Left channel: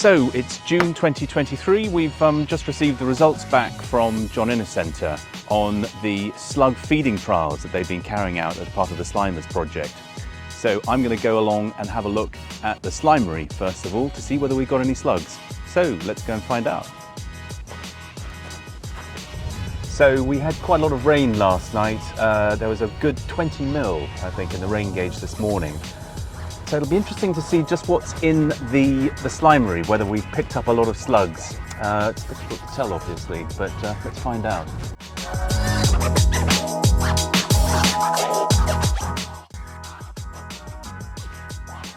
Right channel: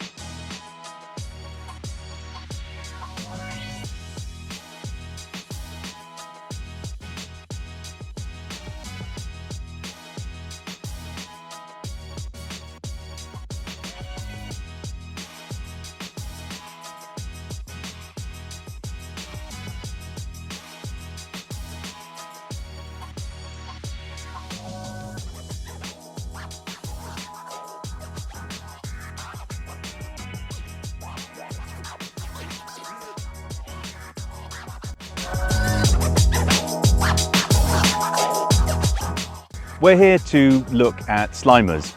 So it's June 2023. We've just received the results back from John Innes Centre on the slug feeding trials that they've been carrying out as part of the Slimers project. So I'm going to go along and have a look at the slimery first of all to see whether we've got any slugs. So let's go and find out. So we had quite a lot of rain last night. There was a good 20 mil, I think, in the rain gauge this morning. So it'll be interesting to see just what's in the slimery, whether we've picked up a lot of slugs. It's difficult to tell, obviously, but let's find out. We're here to look at Slimers,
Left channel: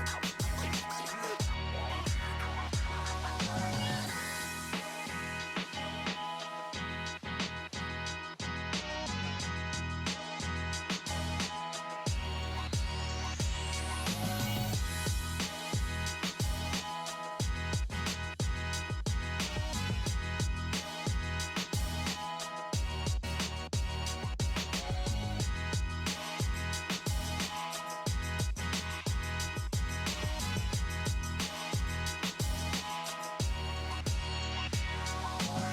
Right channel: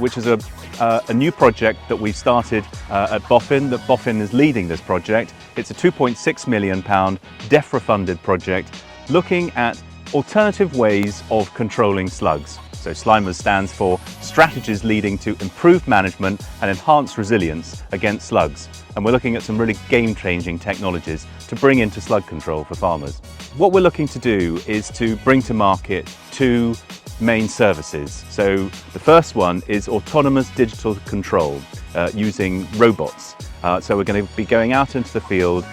which is a new project that we've started at Boffin. That Boffin is leading this project. It's a £2.6 million DEFRA-funded project looking at alternative ways of controlling slugs. So Slimers stands for Strategies Leading to Improved Management and Enhanced Resilience Against Slugs. And we're looking at some really game-changing technologies to bring into slug control for farmers. What we're looking to do is to bring to market two main services. So the first one is autonomous digital control using robots. So we're going to be going out into the field,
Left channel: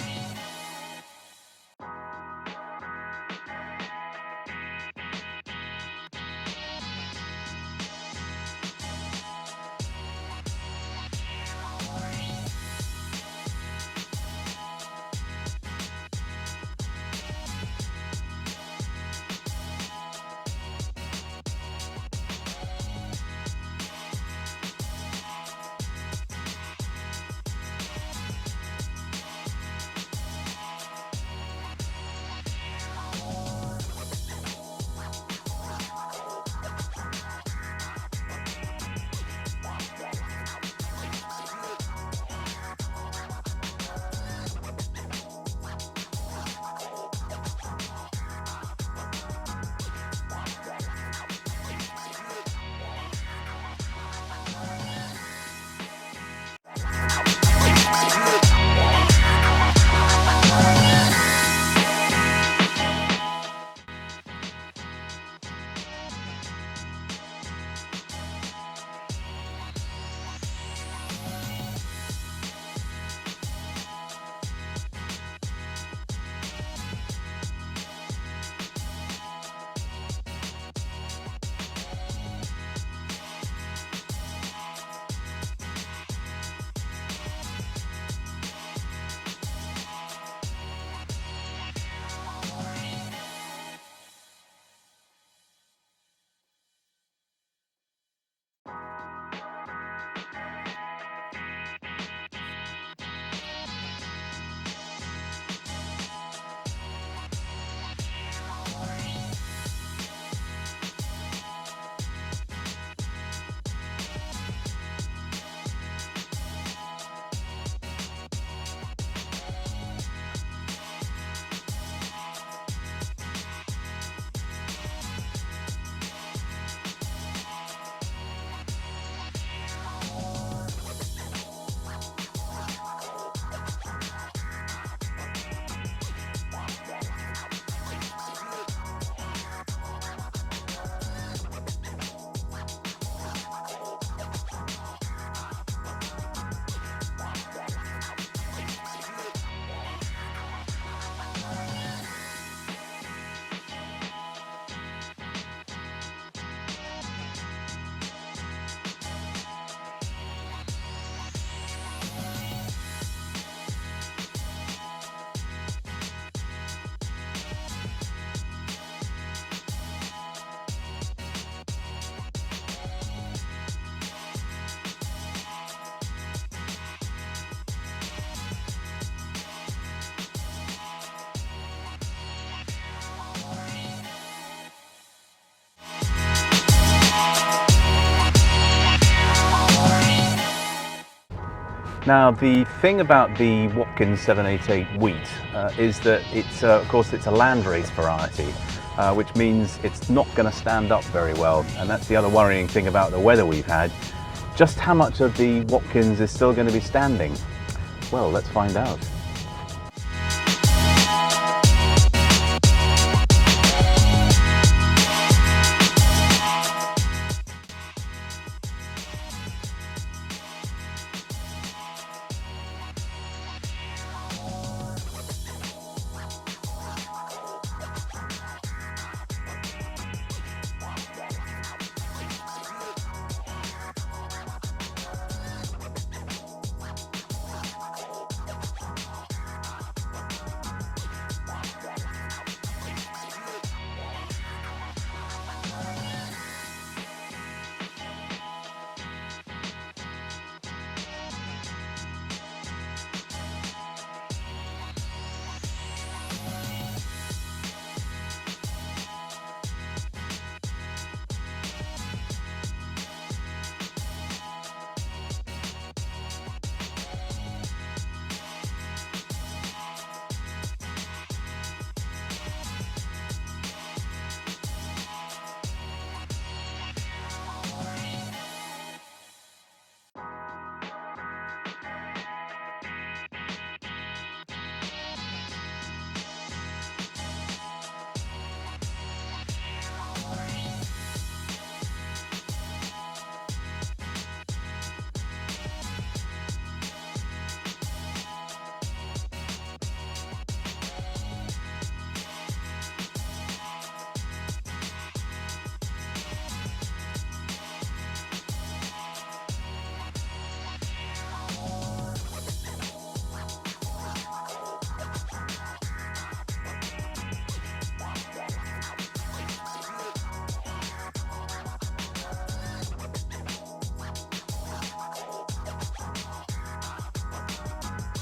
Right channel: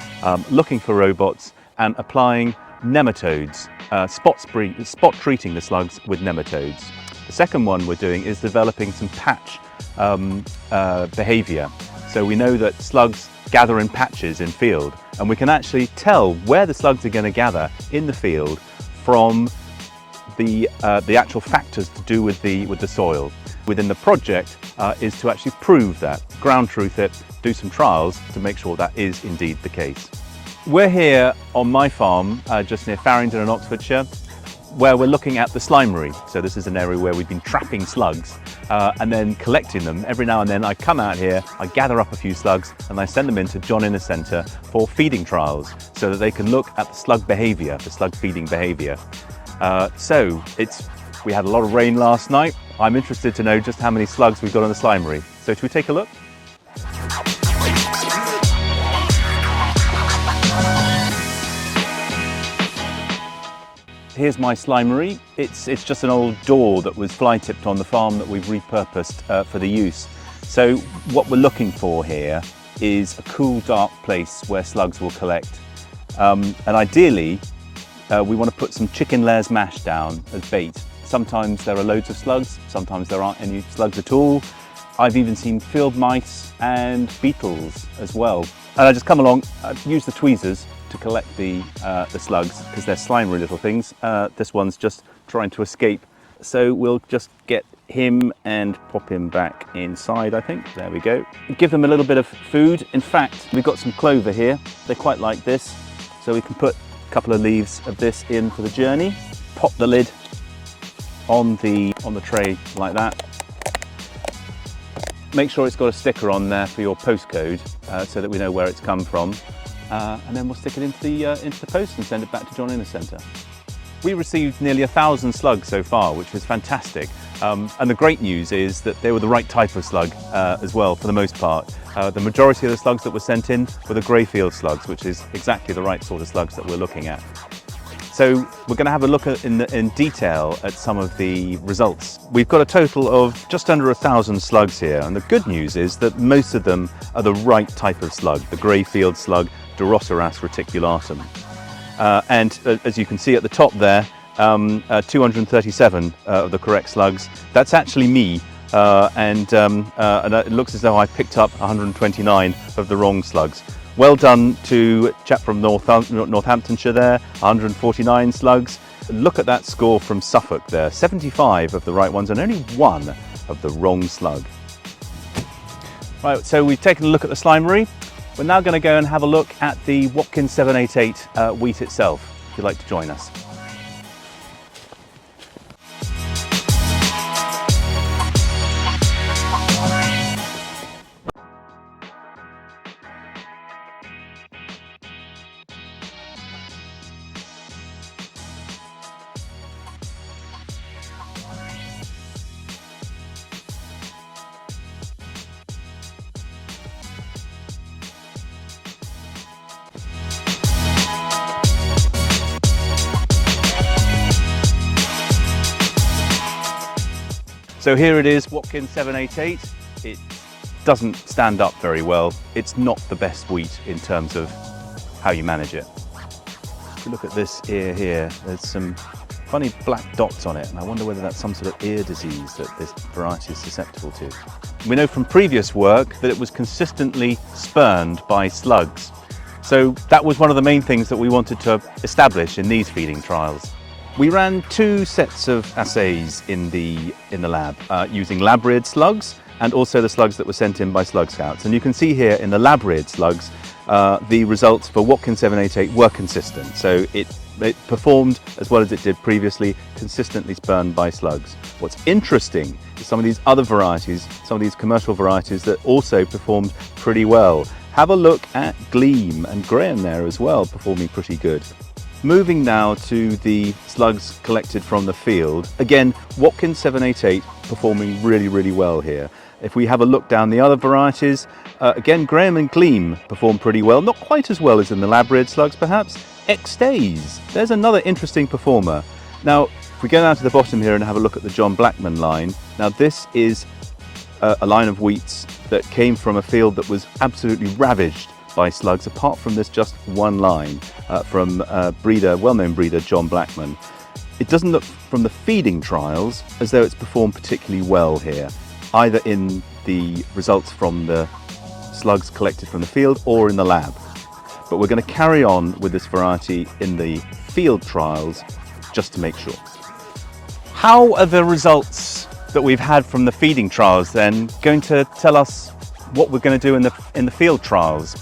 looking for robots and applying nematodes, spot treating the slugs with nematodes. The second one we're doing is developing some patch behaviour. So we know that slugs gather in patches in field, and we can actually tell where the slugs are going to gather in the field from the actual factors to do with the soil. Within the project is to actually prove that, ground truth it, do some trials to make sure that is indeed the case. We're here on my farm, just near Farringdon in Oxfordshire, where we're looking at the slimery. So this is an area where we've been trapping slugs and then collecting them. Every now and then I come out here, I gather up a few slugs and I send them into John Innes Centre for feeding trials so that they can look at the slug behaviour, the slug feeding behaviour. We had a lot of rain last night. I'm interested to know just how many slugs we've got on the slimery. So should we take a look? Here's my slimery. It's just an old door that was fly tipped on the farm that we've repurposed for the use. So what we're looking for here is a cool, dark place where slugs will collect. And ideally, we want to put some chicken layers mash down as bait. Sometimes there are loads of slugs, sometimes there aren't any slugs at all. I've even seen field mice and beetles as well. And I just come along, use the tweezers to collect the slugs because they're slimery little things. This one's just trying to escape. So we'll just get him and pop him back inside, I think. There we go. Give them a little bit of food. In fact, we've got some clover here. They quite like this. So we can put a couple of leaves of this in for the journey. Pop the lid on the tray like that. Make sure it's got a sticker on there for your postcode so that we know where it's come from. And then we'll stick it into the post and send it back to John Innes Centre. We received nearly 1,000 slugs so far, which was fantastic. And the great news is that they were the right type of slug as well, for the most part. The majority of the slugs that were sent in were the greyfield slugs, which is exactly the right sort of slugs that we're looking at. So we're going to have a look in detail at some of the results. We've got a total of just under 1,000 slugs here, and the good news is that most of them are the right type of slug, the greyfield slug, Duroceras reticulatum. And as you can see at the top there, 237 of the correct slugs. That's actually me, and it looks as though I picked up 129 of the wrong slugs. Well done to a chap from Northamptonshire there, 149 slugs. Look at that score from Suffolk there, 75 of the right ones and only one of the wrong slug. Right, so we've taken a look at the slimery. We're now going to go and have a look at the Watkins 788 wheat itself, if you'd like to join us. Now, the thing about the Watkins 788 wheat is that it's, of course, it's a landrace variety, which means it's not going to stand up very well. And that's the other worrying thing about the weather we've had. Just how much of the Watkins is still going to be standing? Well, let's find out. So here it is, Watkins 788. It's doesn't stand up very well. It's not the best wheat in terms of how you manage it. If you look at this ear here, there's some funny black dots on it, and I wonder whether that's some sort of ear disease that this variety is susceptible to. We know from previous work that it was consistently spurned by slugs. So that was one of the main things that we wanted to establish in these feeding trials. We ran 2 sets of assays in the lab using lab-reared slugs and also the slugs that were sent in by Slug Scouts. And you can see here in the lab-reared slugs, the results for Watkin 788 were consistent. So it performed as well as it did previously, consistently spurned by slugs. What's interesting is some of these other varieties, some of these commercial varieties that also performed pretty well. Have a look at Gleam and Graham there as well, performing pretty good. Moving now to the slugs collected from the field. Again, Watkin 788 performing really, really well here. If we have a look down the other varieties, again, Graham and Gleam perform pretty well. Not quite as well as in the lab-reared slugs, perhaps. X-Days, there's another interesting performer. Now, if we go down to the bottom here and have a look at the John Blackman line. Now, this is a line of wheats that came from a field that was absolutely ravaged by slugs, apart from this just one line from well-known breeder John Blackman. It doesn't look from the feeding trials as though it's performed particularly well here, either in the results from the slugs collected from the field or in the lab. But we're going to carry on with this variety in the field trials just to make sure. How are the results that we've had from the feeding trials then going to tell us what we're going to do in the field trials?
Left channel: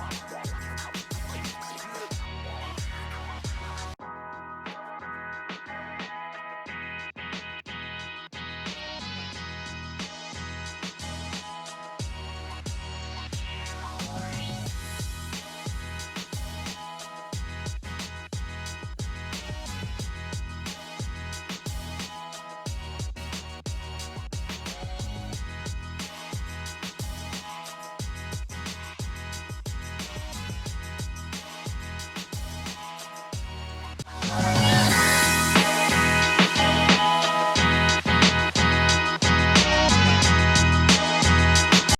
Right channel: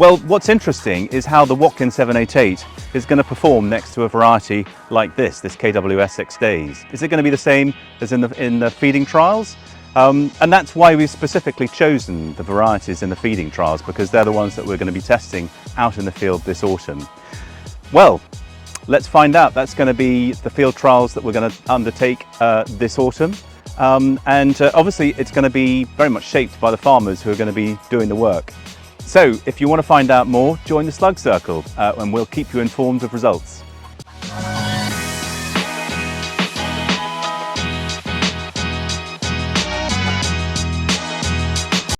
Well, what's interesting is how the Watkin 788 is going to perform next to a variety like this KWS X-Days. Is it going to be the same as in the feeding trials? And that's why we've specifically chosen the varieties in the feeding trials, because they're the ones that we're going to be testing out in the field this autumn. Well, let's find out. That's going to be the field trials that we're going to undertake this autumn. Obviously it's going to be very much shaped by the farmers who are going to be doing the work. So if you want to find out more, join the Slug Circle and we'll keep you informed of results.